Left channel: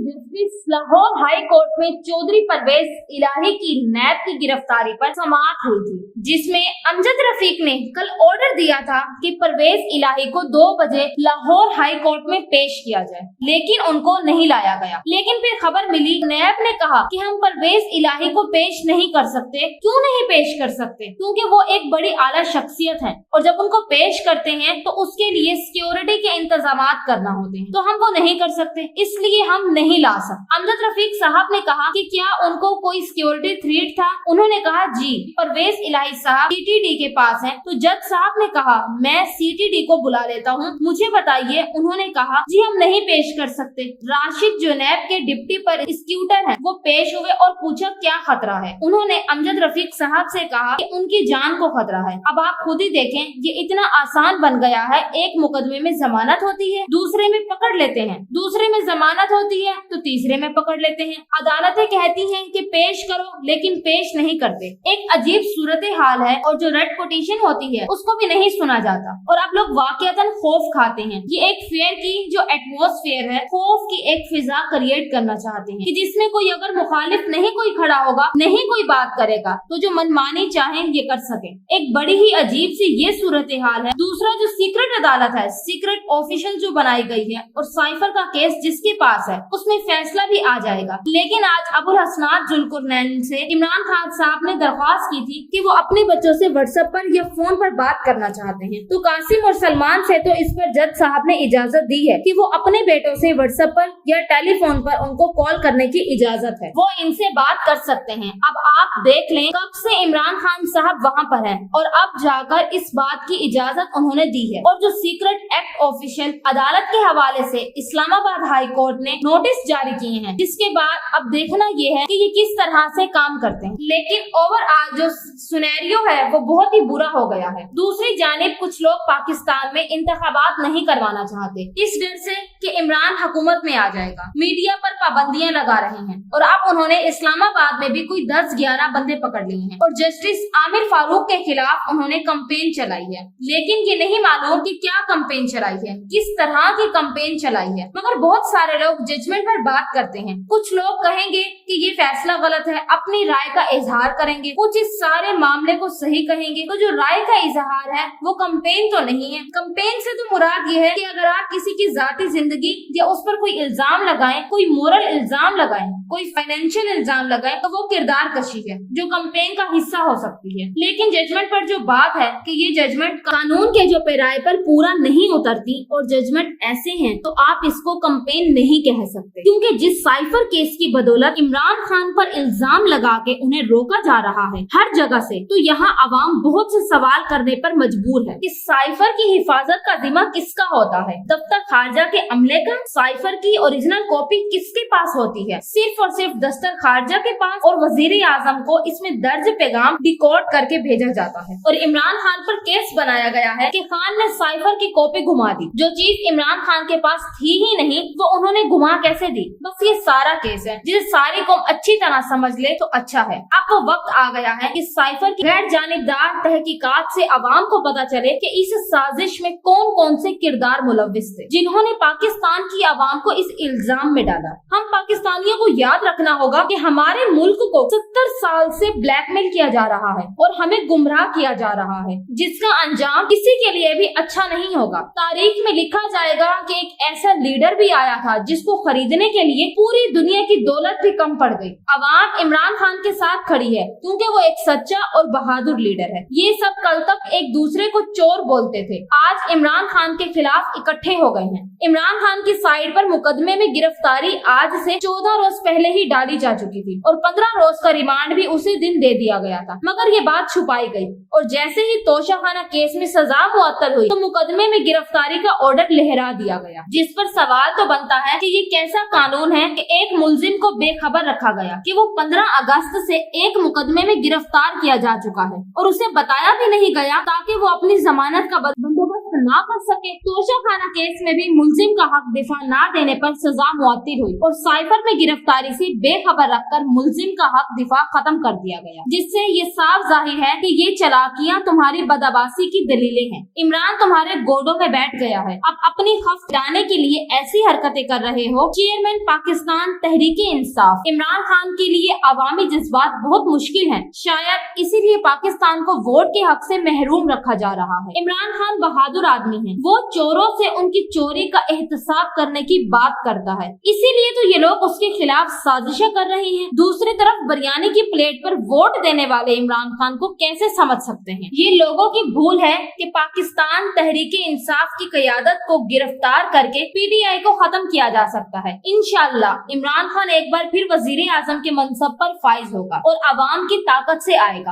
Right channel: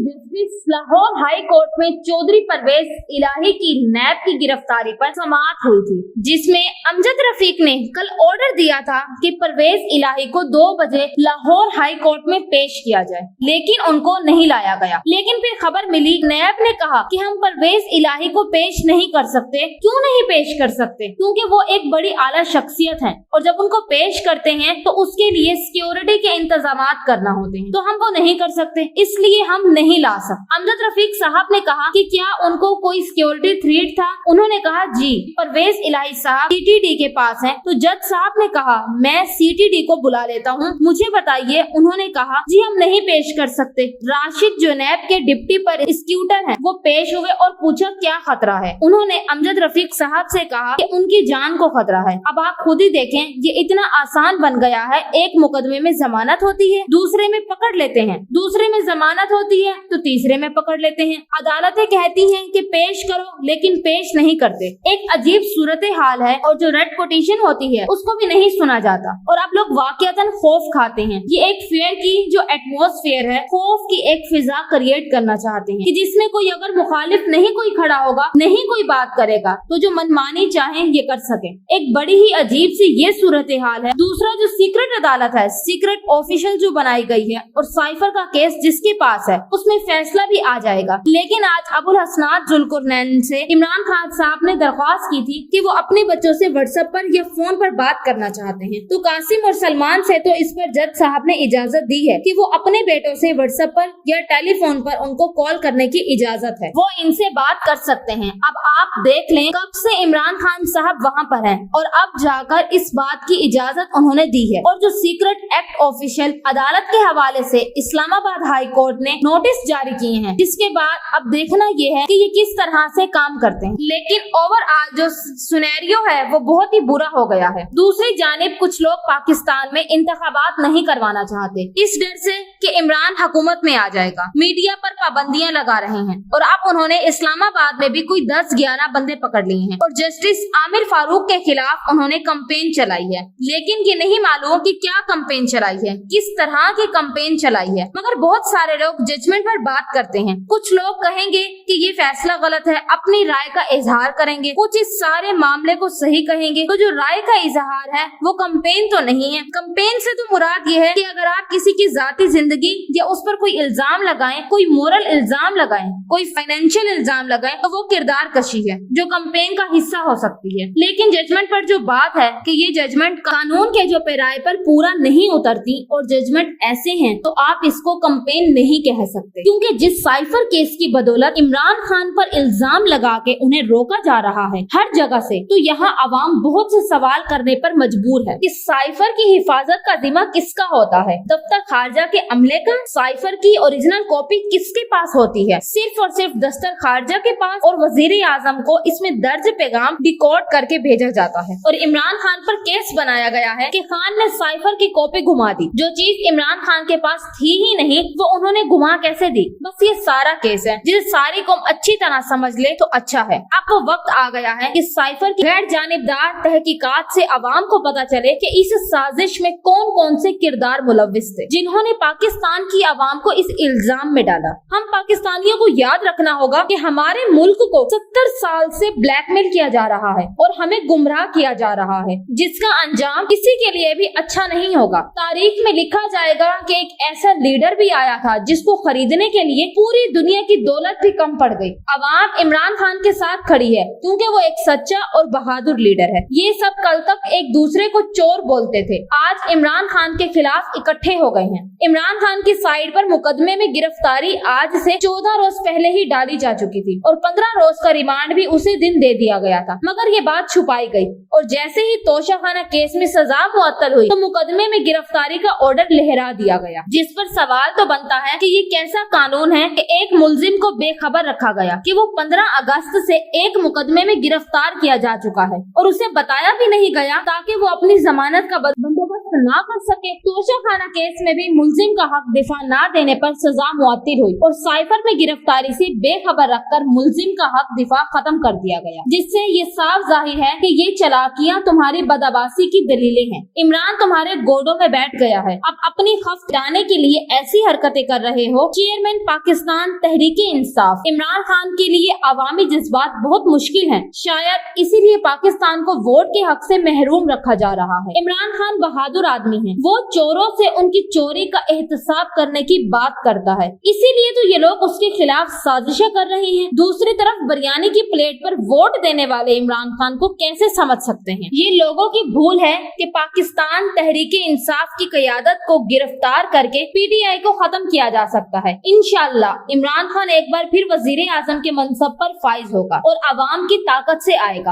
Justice Lahore high court में चौधरी परवेज इलाही की नैब की गिरफ्तारी पर समाअत हुई थी, जिसमें अमजद रफीक ने कल ऑर्डर दिया था कि परवेज इलाही को 2 बजे लाहौर हाई कोर्ट में पेश किया जाए, लेकिन उनको नहीं लाया गया। लेकिन फिर खबर मिली, नैब ने कहा कि हम परवेज इलाही को पेश नहीं कर सकते। क्यों नहीं पेश कर सकते? क्योंकि वो एक बड़ी आला शख्सियत है और जब उनको पेश करते हैं तो उसके लिए सिक्योरिटी के इंतजाम करना होते हैं, तो हम वो नहीं कर सकते, इसलिए हम नहीं ला सकते। अमजद रफीक साहब ने कहा कि क्या उनको कोई सिक्योरिटी थ्रेट था? उन्होंने कहा जी, परवेज इलाही साहब सीटीडी के पास हैं। तो जज साहब ने कहा मैं सीटीडी को बुला लेता हूँ, मुझे बताइए। उन्होंने कहा जी हम नहीं पेश कर सकते। राशिद जो नैब के डिप्टी प्रोसिक्यूटर हैं, वो पेश हुए और पूछा क्या खतरा है। उन्होंने अमजद रफीक साहब से कहा कि उनकी जान को खतरा है। अब आप खुद ही देखें, ये इतना आसान बन गया है। एक मुकदमे में जमानत होती है, दूसरे में पकड़ लेते हैं, दूसरे में जमानत होती है तो तीसरे में पकड़ लेते हैं। अदालतें कहती हैं कि पेश करो, लेकिन पेश नहीं करते। एक अजीब सूरत हाल है और जो रेड पिटीशन होती है उसको भी नहीं सुना जाता और आप लोग वाकईतन खौफ खाते हैं। ये एक फेयर की जो एटमॉस्फेयर है, खौफ की एक फिजा क्रिएट करना चाहते हैं कि जिसमें कोई अगर मुखालिफ नहीं कोई खड़ा होगा, नहीं कोई बात करेगा, तो जो मनमानी चाहे ये कर सके। एक बड़ी ही अजीब सी ये सूरत हाल है। दूसरा जो सीक्रेट अदालत है, सीक्रेट ऑफिशियल जो बनाई गई है और साइफर का केस जिसके पास है, उसमें फैसला भी आ जाएगा। लेकिन आज अबुल हसनात जुल्कुरनैन से इमरान खान साहब ने दरख्वास्त की थी कि वो अपने बच्चों से व्हाट्सएप पर या फोन पर बात करना चाहते हैं, तो कासिम और सलमान से तो इस पर जज साहब ने इजाजत दी है कि वो अपने बेटों से व्हाट्सएप पर या टेलीफोन पर उनको कॉल करने की इजाजत है, वो इनसे बात कर सकते हैं। अब आप देख लें कब से इमरान खान साहब वहाँ पर हैं और अब जाकर इस बात की इजाजत उन्होंने दी है। और जो सीक्रेट एक्ट ऑफिशियल अदालत के हवाले से इस्लामाबाद हाई कोर्ट ने नोटिस जारी किए हैं, जिसके बाद अब देखना ये है कि ये किस तरह से काम करते हैं। लेकिन ओवरऑल जो सिनेरियो है वो बहुत ही बुरा हो गया है। दूसरी जानिब कुछ लोग पाकिस्तान में इंतखाबात नहीं करवाना चाहते, इस डर से कि इमरान हुकूमत में आ जाएगा। मीडिया पर पाबंदियां लगा रहे हैं और अब उन्होंने इस्लामाबाद में भी कोई 10-11 बंदे पकड़ लिए हैं और जस्टिस आमिर फारूक के खिलाफ उन्होंने कैंपेन चलाई है। लेकिन ये नहीं मालूम कि क्या कैंपेन चलाई है, किस तरह की कैंपेन चलाई है। मगर बहुत सारे लोग जजमेंट पर बात करते हैं। कुछ लोग कहेंगे कि ये फैसला गलत है, अपनी राय का इजहार करेंगे, कुछ इस सारे मामले को सही कहेंगे। तो जो राय का इजहार है वो कैंपेन तो नहीं है। कैंपेन से तो मुराद ये है कि अगर आप किसी की जाती जिंदगी या उस पर कोई इल्जाम लगाएं, कोई मोरल इल्जाम लगाएं, कोई फाइनेंशियल इल्जाम लगाएं, तो वो किरदार कशी है जो कैंपेन का हिस्सा हो सकती है। लेकिन जजमेंट पर जो बात है कि ये जजमेंट कानून के जो पैराए पर पूरा नहीं उतरती और जजमेंट ऐसे हैं, तो आप इसको कैंपेन नहीं कह सकते, क्योंकि जिस साइफर केस की बदौलत इमरान खान पर इल्जाम लगा के उन्हें रोका जा रहा है हर जगह से, तो यहाँ अवाम बहुत से सवाल करने पर मजबूर है कि साइफर की हिफाजत का जिम्मा किसका होता है। दफ्तर खारजा के अमले का साइफर की ओरिजिनल कॉपी किसके पास होती है? सिर्फ और सिर्फ दफ्तर खारजा के पास, और वजीर आजम को इसमें दर्ज पैगाम डिकोड करके भेजा जाता है। और इमरान खान पर केस बनाया गया है कि खान ने साइफर की कॉपी घुमा दी, जो चीज इमरान खान के पास थी ही नहीं, वो उन्होंने घुमा कैसे दी। बस ये सारा केस है जिसे सारी कौम अच्छी तरह समझ ले तो अच्छा है। अब वो वक्त आ गया है कि साइफर की गैर जानिबदार तहकीकात से अवाम को पता चले कि इस साजिश में कौन कौन से किरदार मुलव्विस थे जिन्होंने पाकिस्तान की आवाम को इस इल्जाम में डाला। हम पाकिस्तानियों को याद रखना होगा कि हमारे मुल्क को 70 साल से ब्लैकमेल किया जा रहा है और हमें गुमराह किया जा रहा है, जिसका अंजाम किसी के लिए भी अच्छा नहीं होगा। तारीख में लिखा जाएगा कि एक ऐसा लीडर भी आया था जिसको खरीदने के लिए पूरी दुनिया की दौलत भी कम पड़ गई। अवाम इमरान खान के साथ खड़ी है क्योंकि वो एक सच्चा और बहादुर लीडर है। ये सब कल तक एक दूसरे को चोर बोलते थे, आज इमरान खान के खिलाफ इकट्ठे हो गए हैं। इमरान खान की साइड पर मुकदमे में गिरफ्तारी आज से 14 रोज पहले ही डाली जा चुकी थी और 15 रोज का रिमांड भी उसी दिन दे दिया गया था, मगर ये बात छुपाई गई और जैसे ही तोशाखाना केस में सजा मुअत्तल हुई तो मुकदमे में गिरफ्तारी का ऑर्डर लहरा दिया गया। जिस पर सवाल तो बनता है कि ये कैसा कानून है कि एक मुलजिम को बेखबर रखा गया कि वो 15 अगस्त से एक मुकदमे में गिरफ्तार किया जा चुका है और उसे बताया भी नहीं गया ताकि वो अपनी जमानत का बंदोबस्त बर्दाश्त न कर सके। तोशाखाना केस में भी मुलजिम का हक दिफा न देने पर सजा मुअत्तिल हुई और साइफर में गिरफ्तारी से बेखबर रखकर मुलजिम का हक दिफा खत्म कर दिया गया, जिससे ये साफ जाहिर है कि ये चालाकियां तुम्हारी बदअबासी की दलीलें हैं। इमरान तुम्हारे गोदों में बैठ गया है, अब अपनी खौफ गिराने के लिए ऐसी हरकतें कर रहे हो। चेयरमैन पाकिस्तान तहरीक-ए-इंसाफ इमरान खान के लिए अवामी जज्बात बहुत मुश्किल हैं, शायद इसीलिए पाकिस्तान को वोट के हक से महरूम रखा जा रहा है। इमरान खान बहादुर आदमी है, वो चोरों से उनकी चोरी का एहतसाब करने की बात करता है, इसीलिए तो ये लोग उसके खिलाफ साजिशें कर रहे हैं। दूसरी तरफ बिरयानी की प्लेट पर वोट देने वाले इमरान खान को कैसे समझ सकते हैं? ये लोगों की भूल है कि पाकिस्तान तहरीक-ए-इंसाफ की क़यादत को गिरफ्तार करके PTI को खत्म किया जा सकता है। इंशाअल्लाह इमरान खान एक बार फिर वजीर आजम के मनसब पर फाइज होगा और अवाम की ताकत से आएगा।